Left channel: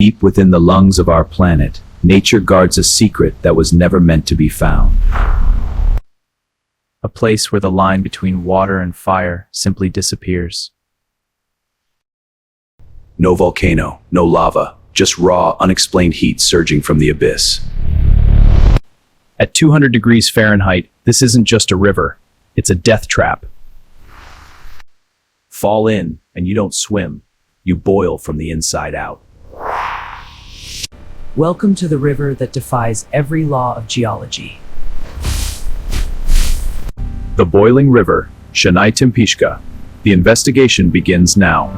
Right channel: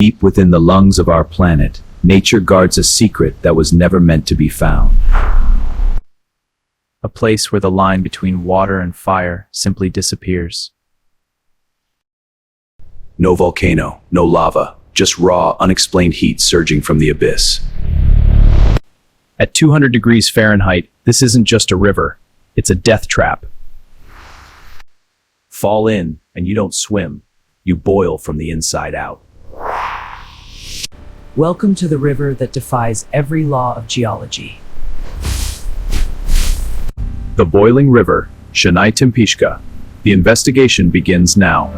Deep within the lungs of our planet, nature guards a secret that was never meant to be found. A place where the line between water and fire simply disappears. No volcano, no lava, just raw, unexplained heat surging from the abyss. At 200 degrees Fahrenheit, this isn't just a river, it's a death trap. Fall in, and you don't swim, you boil from the inside out. Welcome to the river that defies every law of geology. The boiling river, Shanay-Timpishka. The investigation begins now.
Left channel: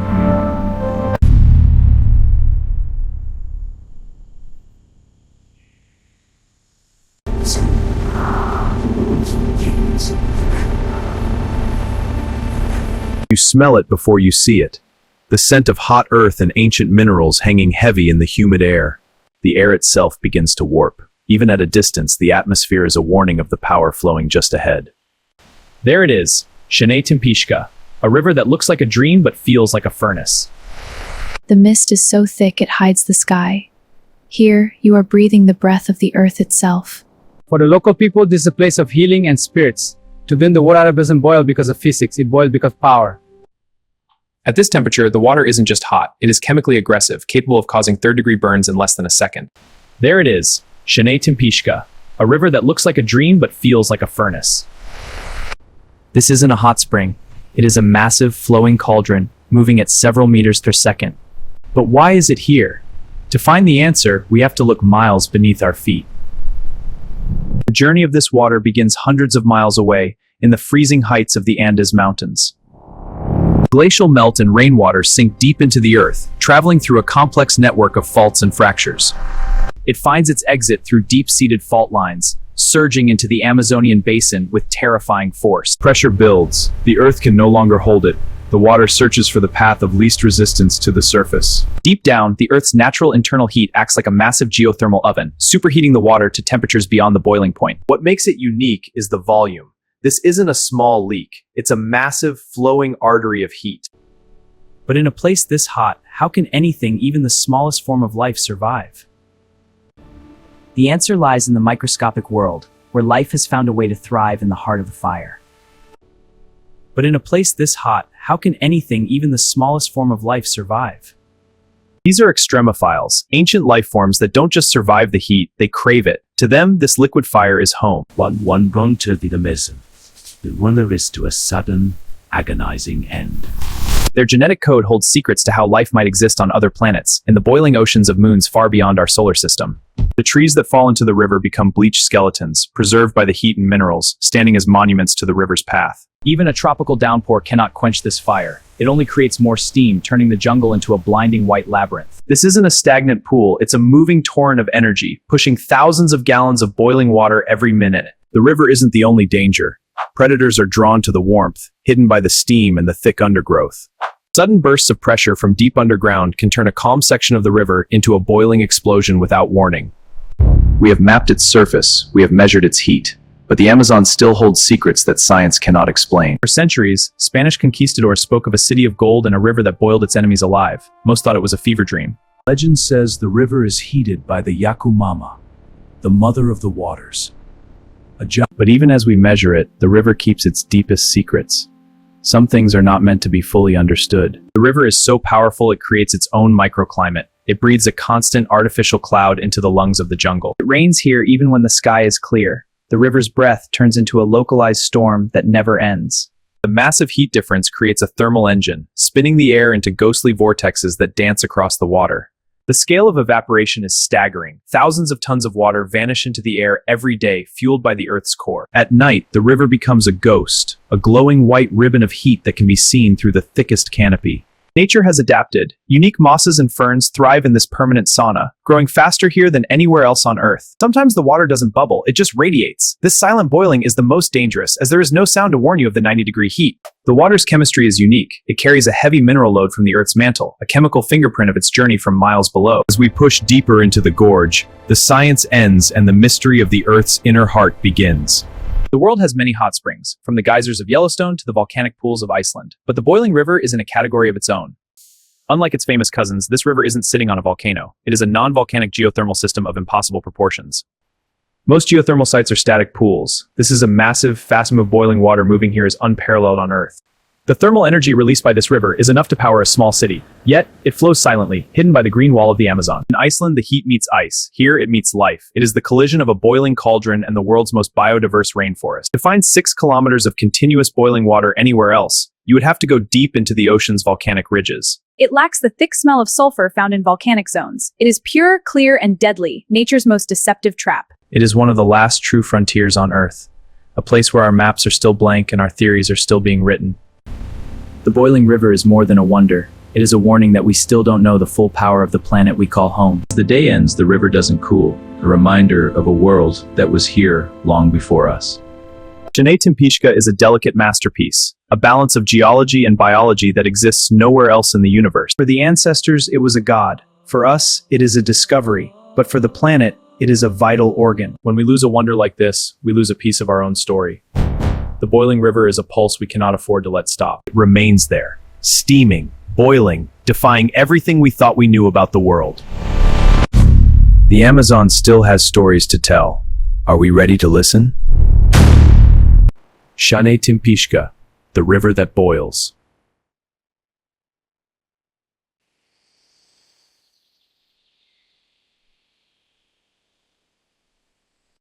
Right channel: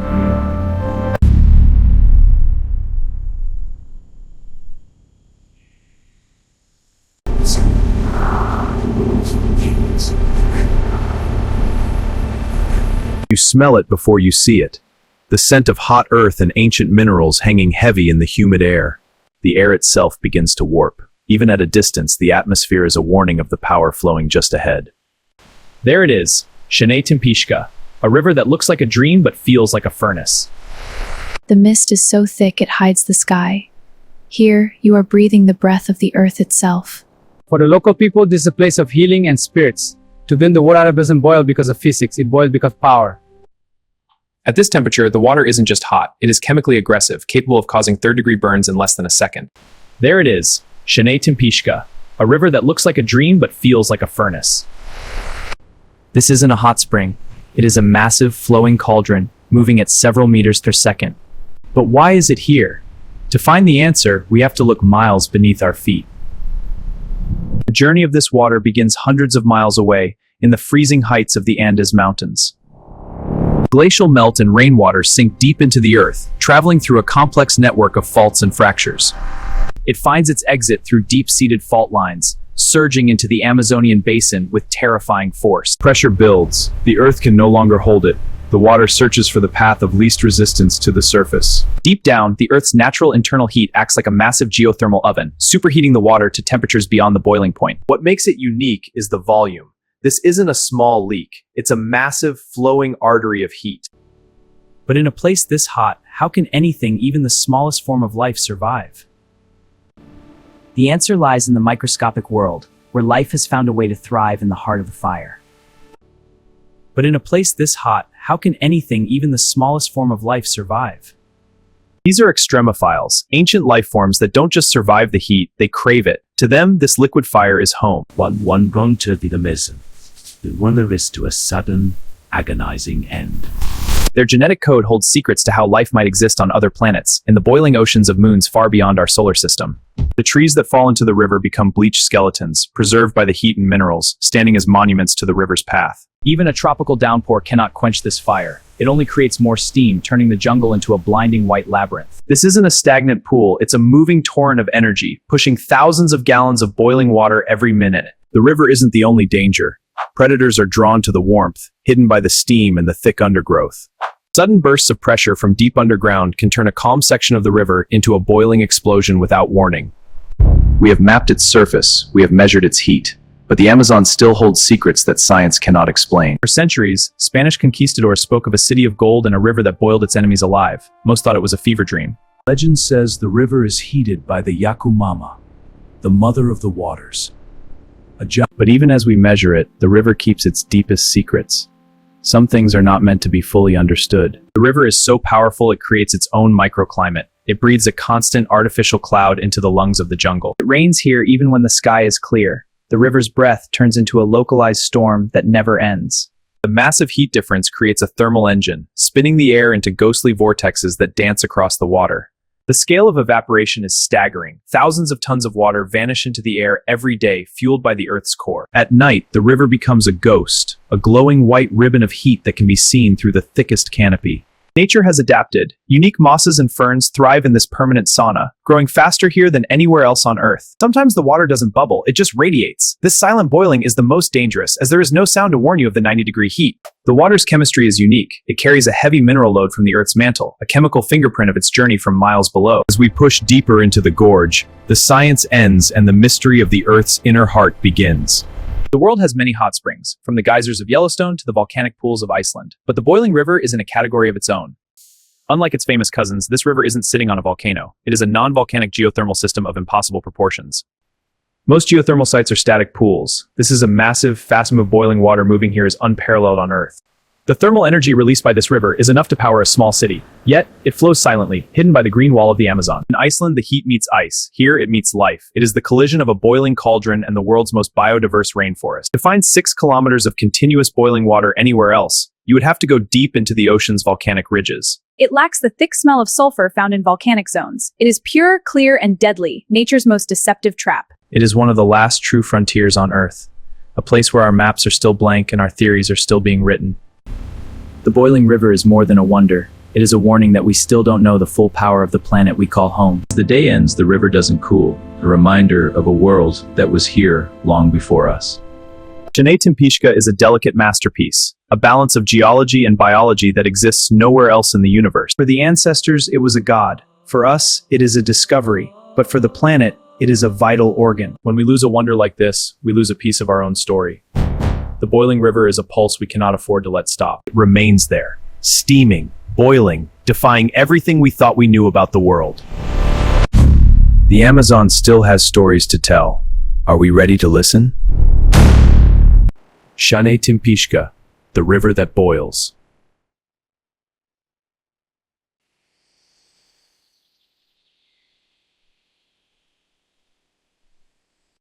You smell it before you see it. The scent of hot earth and ancient minerals hanging heavy in the humid air. The air itself begins to warp. Even at a distance, the atmosphere is a warning of the power flowing just ahead. There it is, Shanay-Timpishka, a river that looks like a dream but feels like a furnace. The mist is so thick it hides the sky. Here, you are breathing the breath of the earth itself. For the local people, this is a place of healing and spirits. To them, the water doesn't boil because of physics, it boils because of power. At this temperature, the water isn't just hot, it is chemically aggressive, capable of causing third-degree burns in less than a second. There it is, Shanay-Timpishka, a river that looks like a dream but feels like a furnace. This isn't a hot spring. It is a massive, flowing cauldron, moving at several meters per second. But why is it here? To find the answer, we have to look miles beneath our feet. The journey of this water begins hundreds of miles away, in the freezing heights of the Andes Mountains. Glacial melt and rainwater sink deep into the earth, traveling through a complex network of faults and fractures. It finds its exit through deep-seated fault lines, surging into the Amazonian basin with terrifying force. Pressure builds. The earth can no longer hold it. The water searches for the path of least resistance to the surface. Deep down, the Earth's natural internal heat acts like a massive geothermal oven, superheating the water to temperatures beyond the boiling point. What makes it unique is the volume. This isn't a small leak. It's a massive, flowing artery of heat. But in a place this hot, how can anything, even the smallest form of life, survive? The answer lies in the microscopic world, where life has found a way to thrive in the heart of the fire. But in a place this hot, how can anything, even the smallest form of life, survive? These are extremophiles, ancient life forms that don't just survive the heat, they crave it. To them, this liquid fire is home. One going to be the mission. The wonder is to a sudden, agonizing end. Their genetic code holds secrets to how life might exist on other planets, in the boiling oceans of moons far beyond our solar system. The trees that fall into the river become bleached skeletons, preserved by the heat and minerals, standing as monuments to the river's path. Even a tropical downpour cannot quench this fire. It only creates more steam, turning the jungle into a blinding white labyrinth. This isn't a stagnant pool, it's a moving torrent of energy, pushing thousands of gallons of boiling water every minute. The river isn't the only danger. Predators are drawn to the warmth, hidden by the steam and the thick undergrowth. Sudden bursts of pressure from deep underground can turn a calm section of the river into a boiling explosion without warning. We have mapped its surface, we have measured its heat, but the Amazon still holds secrets that science cannot explain. For centuries, Spanish conquistadors spoke of a city of gold and a river that boiled its enemies alive. Most thought it was a fever dream. Legend says the river is heated by the Yakumama, the mother of the waters. But even as we measure it, the river keeps its deepest secrets. Some things are not meant to be fully understood. The river is so powerful it creates its own microclimate. It breathes a constant artificial cloud into the lungs of the jungle. It rains here even when the sky is clear. The river's breath turns into a localized storm that never ends. The massive heat difference creates a thermal engine, spinning the air into ghostly vortexes that dance across the water. The scale of evaporation is staggering. Thousands of tons of water vanish into the air every day, fueled by the Earth's core. At night, the river becomes a ghost, a glowing white ribbon of heat that can be seen through the thickest canopy. Nature has adapted. Unique mosses and ferns thrive in this permanent sauna, growing faster here than anywhere else on Earth. Sometimes the water doesn't bubble, it just radiates. This silent boiling is the most dangerous, as there is no sound to warn you of the 90-degree heat. The water's chemistry is unique. It carries a heavy mineral load from the Earth's mantle, a chemical fingerprint of its journey from miles below. As we push deeper into the gorge, the science ends and the mystery of the Earth's inner heart begins. The world has many hot springs, from the geysers of Yellowstone to the volcanic pools of Iceland, but the boiling river is in a category of its own. Unlike its famous cousins, this river isn't sitting on a volcano. It is a non-volcanic geothermal system of impossible proportions. Most geothermal sites are static pools. This is a massive, fast move boiling water moving here is unparalleled on Earth. The thermal energy released by this river is enough to power a small city. Yet, it flows silently, hidden by the green wall of the Amazon. In Iceland, the heat meets ice. Here, it meets life. It is the collision of a boiling cauldron and the world's most biodiverse rainforest. To find 6 kilometers of continuous boiling water anywhere else, you would have to go deep into the ocean's volcanic ridges. It lacks the thick smell of sulfur found in volcanic zones. It is pure, clear, and deadly, nature's most deceptive trap. It is one of the last true frontiers on Earth, a place where our maps are still blank and our theories are still being written. The boiling river is more than a wonder. It is a warning that we still don't know the full power of the planet we call home. As the day ends, the river doesn't cool, a reminder of a world that was here long before us. Shanay-Timpishka is a delicate masterpiece, a balance of geology and biology that exists nowhere else in the universe. For the ancestors, it was a god. For us, it is a discovery. But for the planet, it is a vital organ. When we lose a wonder like this, we lose a piece of our own story. The boiling river is a pulse we cannot afford to let stop. It remains there, steaming, boiling, defying everything we thought we knew about the world. The Amazon still has stories to tell. Are we ready to listen? Shanay-Timpishka, the river that boils.